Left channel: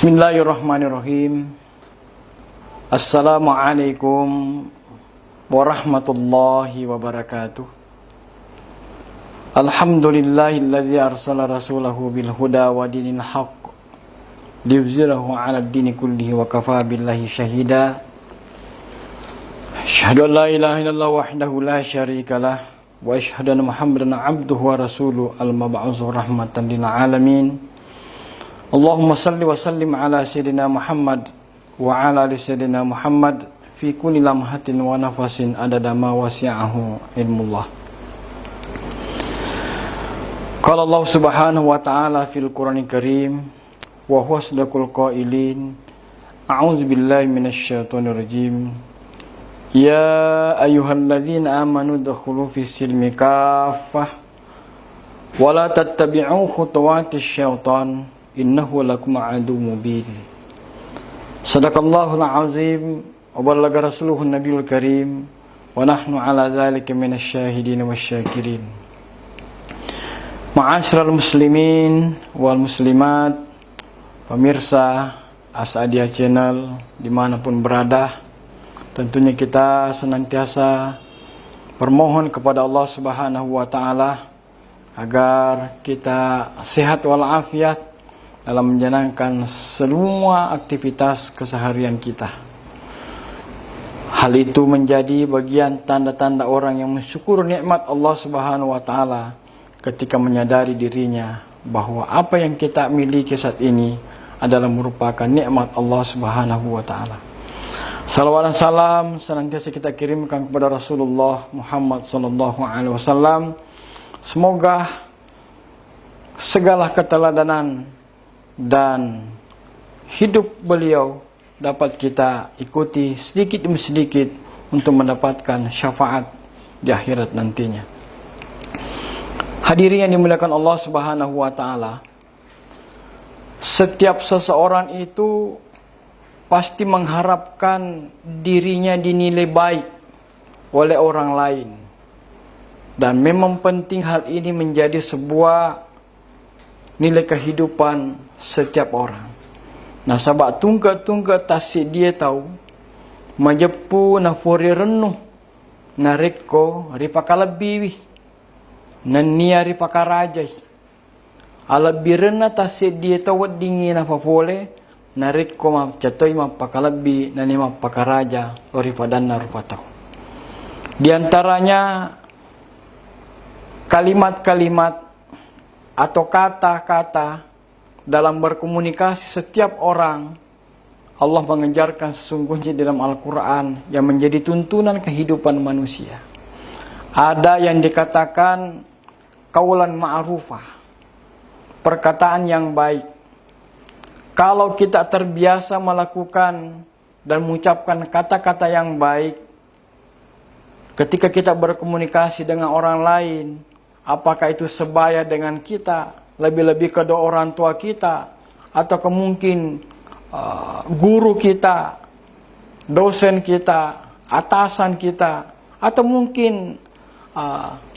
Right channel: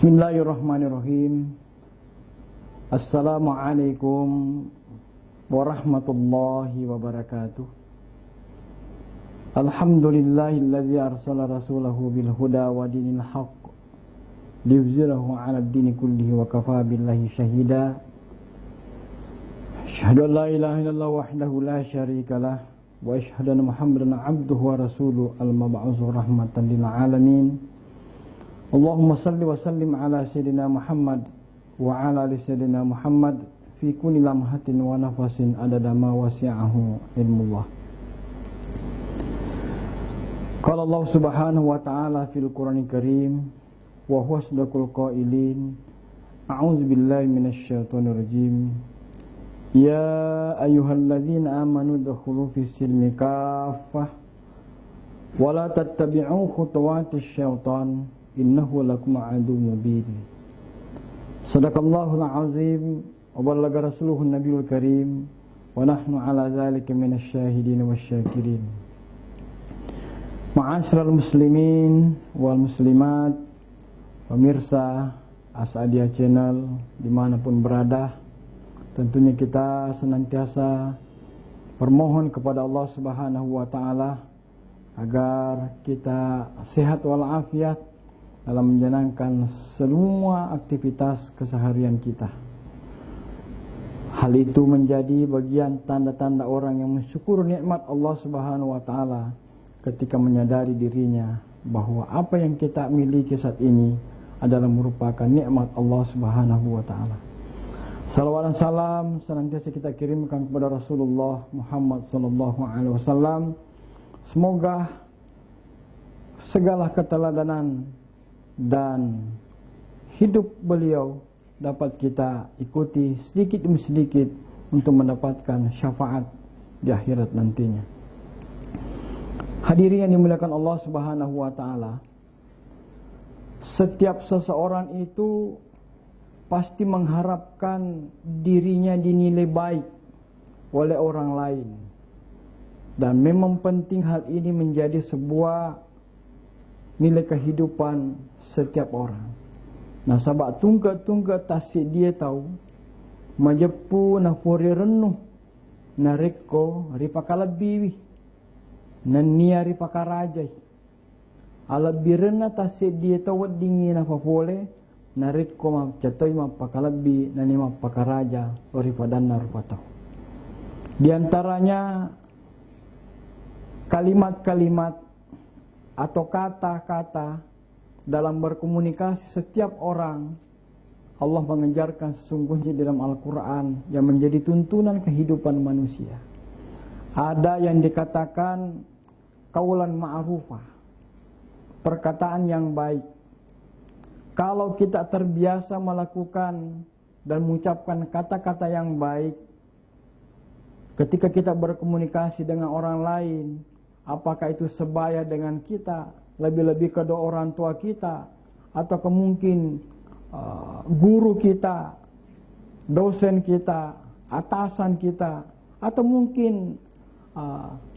Bismillahirrahmanirrahim. Assalamualaikum warahmatullahi wabarakatuh. Alhamdulillahilladzi arsala rasulahu bil huda wa dinil haqq liyuzhirahu 'alad dini kullihi wa kafaa billahi syahida. Asyhadu an la ilaha illallah wahdahu la syarikalah wa asyhadu anna Muhammadan 'abduhu wa rasuluhu al-mab'uutsu rahmatan lil alamin. Allahumma salli wa sallim ala sayyidina Muhammad wa ala ali sayyidina Muhammad fi kulli lamhatin wa nafasin adada ma wasi'ahu ilmullah. Qala Allah subhanahu wa ta'ala fil Qur'anil Karim wa huwa asdaqul qailin. A'udzu billahi minasy syaithanir rajim. Ya ayyuhalladzina amanu dkhulu fis silmi kaffah wa la tattabi'u khutuwatis syaitan innahu lakum aduwwun mubin. Sadaqallahul azim wa ballagha rasuluhun nabiyul karim wa nahnu ala dzalika minasy syahidin wasyakirin. Ma'asyiral muslimin wal muslimat, pemirsa Asadia Channel dimanapun berada, tentunya kita senantiasa bermohon kepada Allah Subhanahu wa ta'ala agar kita sehat walafiat dalam menjalankan semua aktivitas keseharian kita. Hal itu menjadi bagian tanda-tanda orang yang mensyukur nikmat Allah Subhanahu wa ta'ala ketika menyadari dirinya bahwa apa yang kita miliki saat ini adalah merupakan nikmat Allah Subhanahu wa ta'ala. Salawat dan salam senantiasa kita kirimkan kepada Rasulullah Muhammad sallallahu alaihi wasallam. Semoga segala keteladanan dan hidup beliau dapat kita ikuti sedikit demi sedikit untuk mendapatkan syafaat di akhirat nantinya. Hadirin yang dimuliakan Allah Subhanahu wa ta'ala, setiap seseorang itu pasti mengharapkan dirinya dinilai baik oleh orang lain, dan memang penting hal ini menjadi sebuah nilai kehidupan setiap orang. Nah, sabak tungga tasik dia tahu majepu na fori renuh na rekko ripaka lebih na nia ripaka rajai ala birena tasik dia tahu dingin apa boleh na rekko ma catoi ma pakalabi na ni ma pakaraja loripadan na rupatahu. Di antaranya kalimat-kalimat atau kata-kata dalam berkomunikasi setiap orang. Allah mengejarkan sesungguhnya dalam Al-Quran yang menjadi tuntunan kehidupan manusia. Ada yang dikatakan qaulan ma'rufah, perkataan yang baik. Kalau kita terbiasa melakukan dan mengucapkan kata-kata yang baik ketika kita berkomunikasi dengan orang lain, apakah itu sebaya dengan kita, lebih-lebih kedua orang tua kita, atau mungkin guru kita, dosen kita, atasan kita, atau mungkin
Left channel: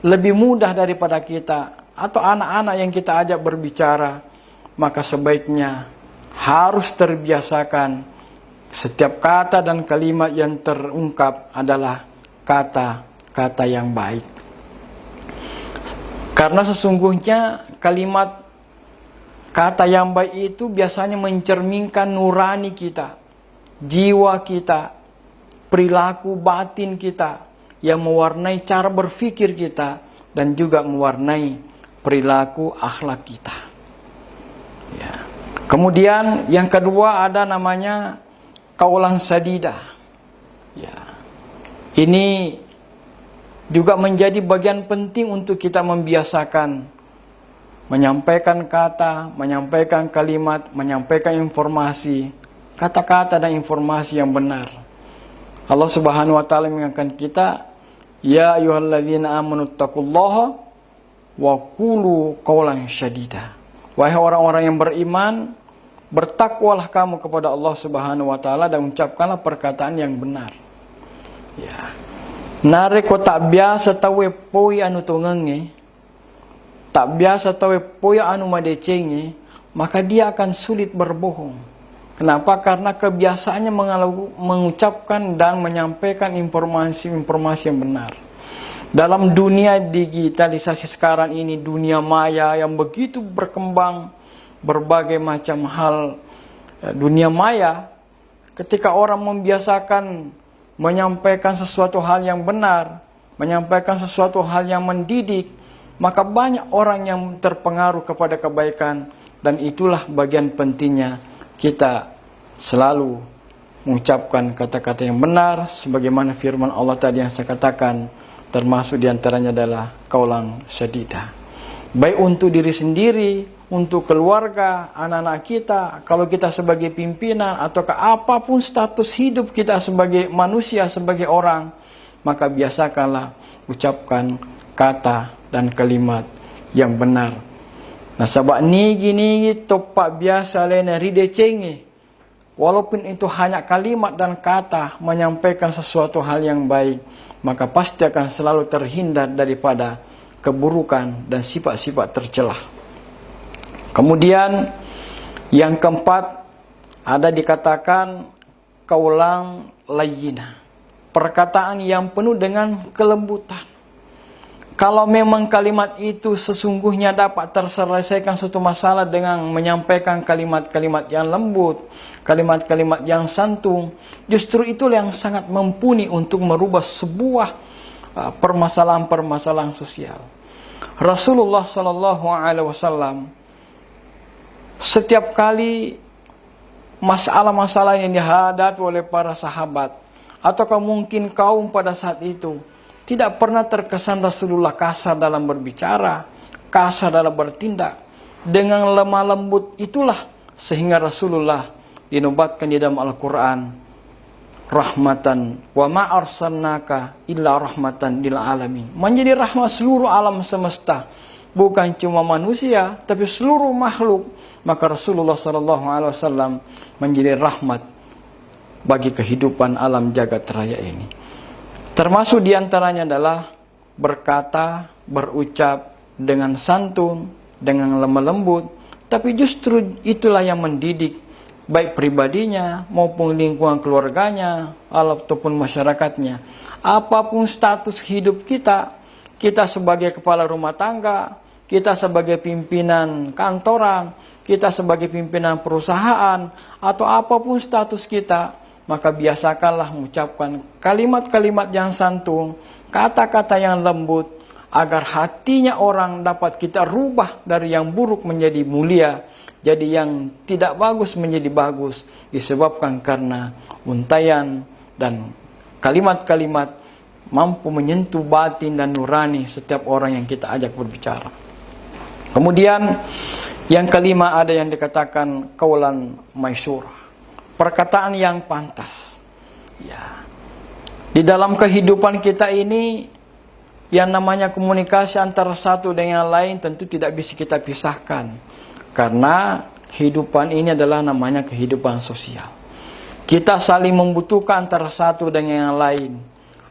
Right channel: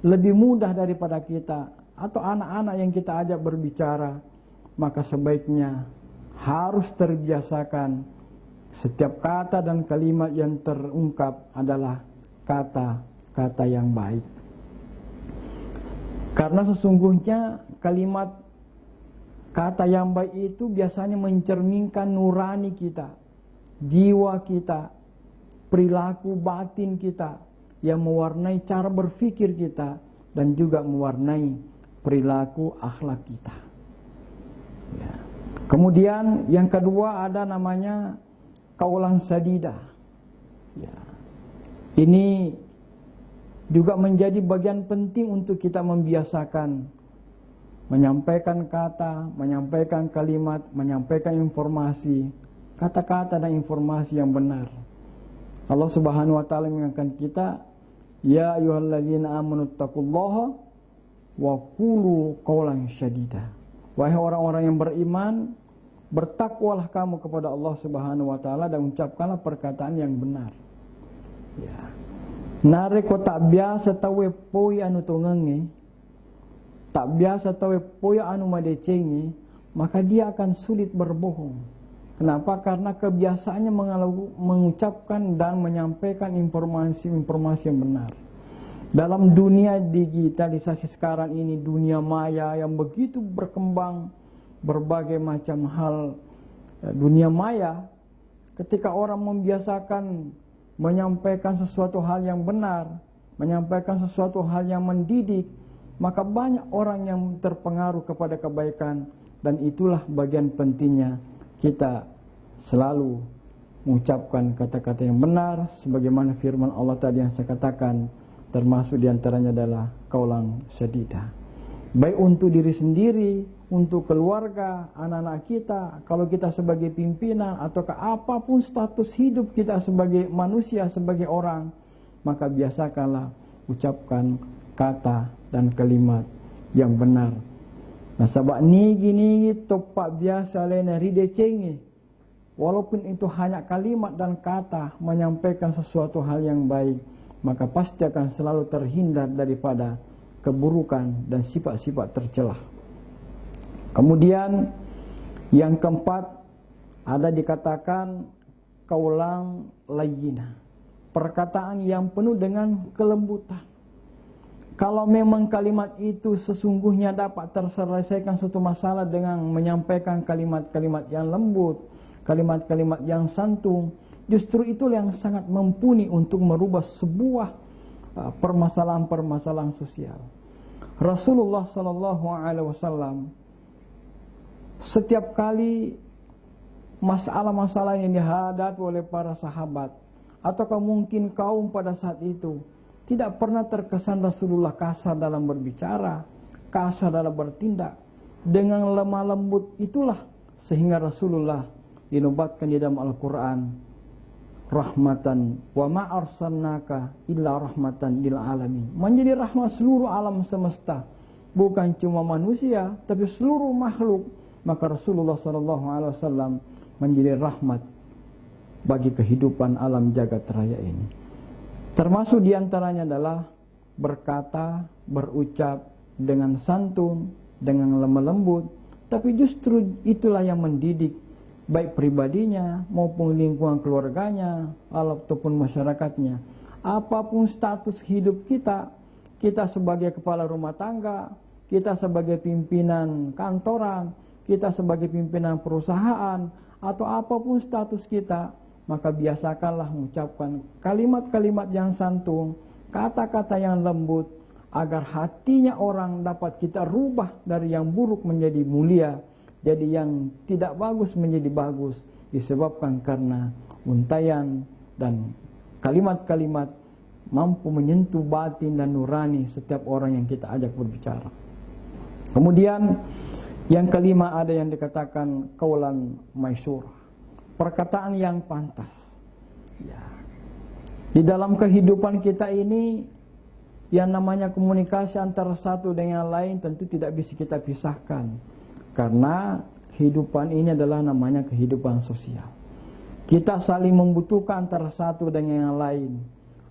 lebih mudah daripada kita, atau anak-anak yang kita ajak berbicara, maka sebaiknya harus terbiasakan setiap kata dan kalimat yang terungkap adalah kata-kata yang baik. Karena sesungguhnya kalimat kata yang baik itu biasanya mencerminkan nurani kita, jiwa kita, perilaku batin kita yang mewarnai cara berpikir kita dan juga mewarnai perilaku akhlak kita. Ya. Kemudian yang kedua ada namanya qaulan sadida. Ya. Ini juga menjadi bagian penting untuk kita membiasakan menyampaikan kata, menyampaikan kalimat, menyampaikan informasi, kata-kata dan informasi yang benar. Allah Subhanahu wa ta'ala mengingatkan kita, ya ayyuhalladzina amanu taqullaha wa qulu qaulan syadida. Wahai orang-orang yang beriman, bertakwalah kamu kepada Allah Subhanahu wa ta'ala dan ucapkanlah perkataan yang benar. Ya. Nare ko tak biasa tawe poi anu tongenge, tak biasa tawe poi anu madecenge, maka dia akan sulit berbohong. Kenapa? Karena kebiasaannya mengucapkan dan menyampaikan informasi-informasi yang benar. Dalam dunia digitalisasi sekarang ini, dunia maya yang begitu berkembang, berbagai macam hal, dunia maya, ketika orang membiasakan menyampaikan sesuatu hal yang benar, menyampaikan sesuatu hal yang mendidik, maka banyak orang yang terpengaruh kepada kebaikan. Dan itulah bagian pentingnya kita selalu mengucapkan kata-kata yang benar, sebagaimana firman Allah tadi yang saya katakan, termasuk diantaranya adalah qaulan sadida. Baik untuk diri sendiri, untuk keluarga, anak-anak kita, kalau kita sebagai pimpinan, ataukah apapun status hidup kita sebagai manusia, sebagai orang, maka biasakanlah ucapkan kata dan kalimat yang benar. Nah, sebab nigi topak biasa lain ride cenge. Walaupun itu hanya kalimat dan kata menyampaikan sesuatu hal yang baik, maka pasti akan selalu terhindar daripada keburukan dan sifat-sifat tercelah. Kemudian yang keempat, ada dikatakan qaulan layyina, perkataan yang penuh dengan kelembutan. Kalau memang kalimat itu sesungguhnya dapat terselesaikan suatu masalah dengan menyampaikan kalimat-kalimat yang lembut, kalimat-kalimat yang santun, justru itulah yang sangat mumpuni untuk merubah sebuah permasalahan-permasalahan sosial. Rasulullah SAW setiap kali masalah-masalah yang dihadapi oleh para sahabat, ataukah mungkin kaum pada saat itu, tidak pernah terkesan Rasulullah kasar dalam berbicara, kasar dalam bertindak. Dengan lemah lembut itulah sehingga Rasulullah dinobatkan di dalam Al-Quran, rahmatan wa ma arsalnaka illa rahmatan lil alamin, menjadi rahmat seluruh alam semesta, bukan cuma manusia tapi seluruh makhluk. Maka Rasulullah SAW menjadi rahmat bagi kehidupan alam jagat raya ini. Termasuk diantaranya adalah berkata, berucap dengan santun, dengan lemah lembut. Tapi justru itulah yang mendidik baik pribadinya maupun lingkungan keluarganya ataupun masyarakatnya. Apapun status hidup kita, kita sebagai kepala rumah tangga, kita sebagai pimpinan kantoran, kita sebagai pimpinan perusahaan, atau apapun status kita, maka biasakanlah mengucapkan kalimat-kalimat yang santun, kata-kata yang lembut, agar hatinya orang dapat kita rubah dari yang buruk menjadi mulia, jadi yang tidak bagus menjadi bagus, disebabkan karena untaian dan kalimat-kalimat mampu menyentuh batin dan nurani setiap orang yang kita ajak berbicara. Kemudian yang kelima, ada yang dikatakan qaulan maisyurah, perkataan yang pantas. Ya. Di dalam kehidupan kita ini, yang namanya komunikasi antara satu dengan yang lain tentu tidak bisa kita pisahkan. Karena kehidupan ini adalah namanya kehidupan sosial. Kita saling membutuhkan antara satu dengan yang lain.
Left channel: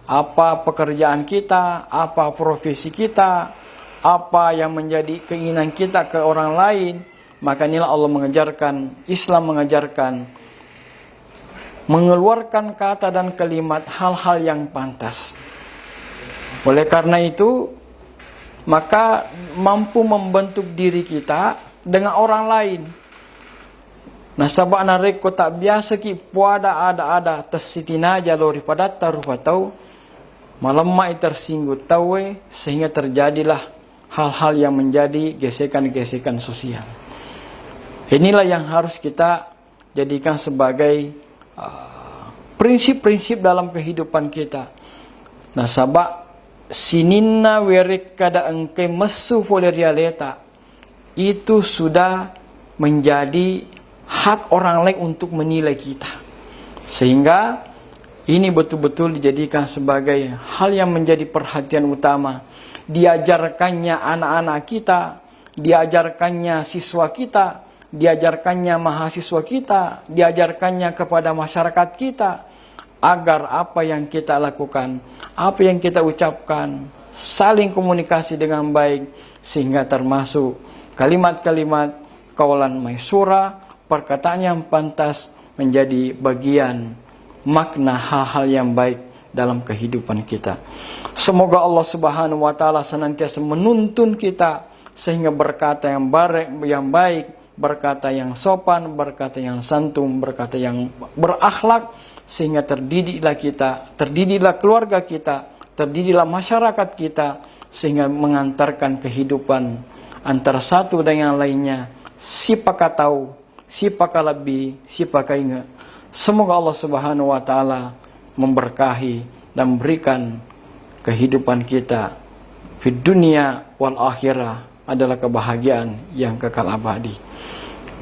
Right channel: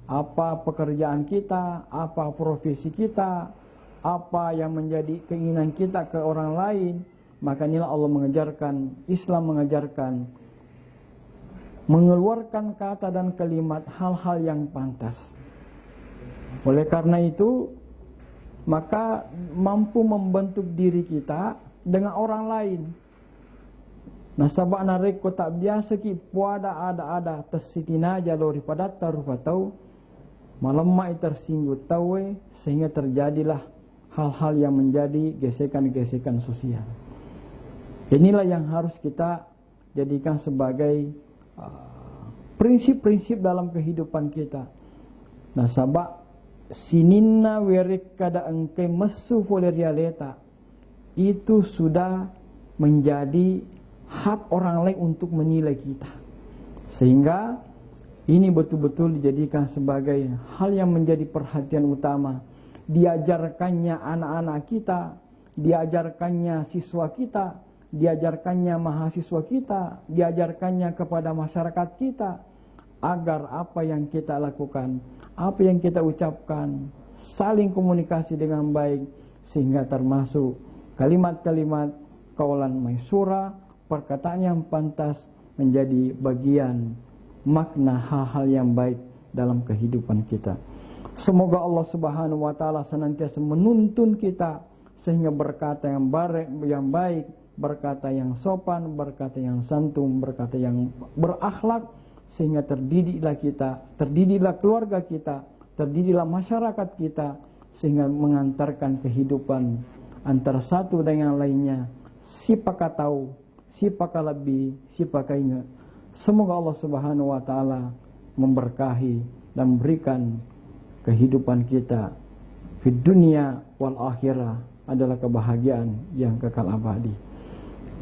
Apa pekerjaan kita, apa profesi kita, apa yang menjadi keinginan kita ke orang lain. Maka inilah Allah mengajarkan, Islam mengajarkan, mengeluarkan kata dan kalimat hal-hal yang pantas. Oleh karena itu, maka mampu membentuk diri kita dengan orang lain. Nah, sabak nareko tak biasa ki puada ada tersitina jalori pada taruh patau malamai tersinggut tawe, sehingga terjadilah hal-hal yang menjadi gesekan-gesekan sosial. Inilah yang harus kita jadikan sebagai prinsip-prinsip dalam kehidupan kita. Nah, sabak sininna werik kada engke mesu oleh realita, itu sudah menjadi hak orang lain untuk menilai kita. Sehingga ini betul-betul dijadikan sebagai hal yang menjadi perhatian utama. Diajarkannya anak-anak kita, diajarkannya siswa kita, diajarkannya mahasiswa kita, diajarkannya kepada masyarakat kita, agar apa yang kita lakukan, apa yang kita ucapkan, saling komunikasi dengan baik, sehingga termasuk kalimat-kalimat qaulan maisyurah, perkataan yang pantas, menjadi bagian makna hal-hal yang baik dalam kehidupan kita. Semoga Allah Subhanahu wa taala senantiasa menuntun kita sehingga berkata yang baik, berkata yang sopan, berkata yang santun, berkata yang berakhlak, sehingga terdidiklah keluarga kita, terdidiklah masyarakat kita, sehingga mengantarkan kehidupan antara satu dan yang lainnya. Siapakah tahu, siapakah lebih, siapakah ingat. Semoga Allah Subhanahu wa taala memberkahi dan memberikan kehidupan kita di dunia wal akhirah adalah kebahagiaan yang kekal abadi.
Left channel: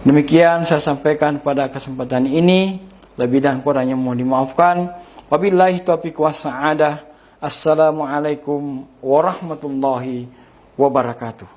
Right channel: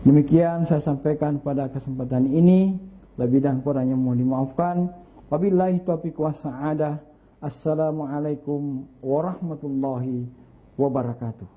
Demikian saya sampaikan pada kesempatan ini. Lebih dan kurangnya mohon dimaafkan. Wabillahi taufiq was sa'adah. Assalamualaikum warahmatullahi wabarakatuh.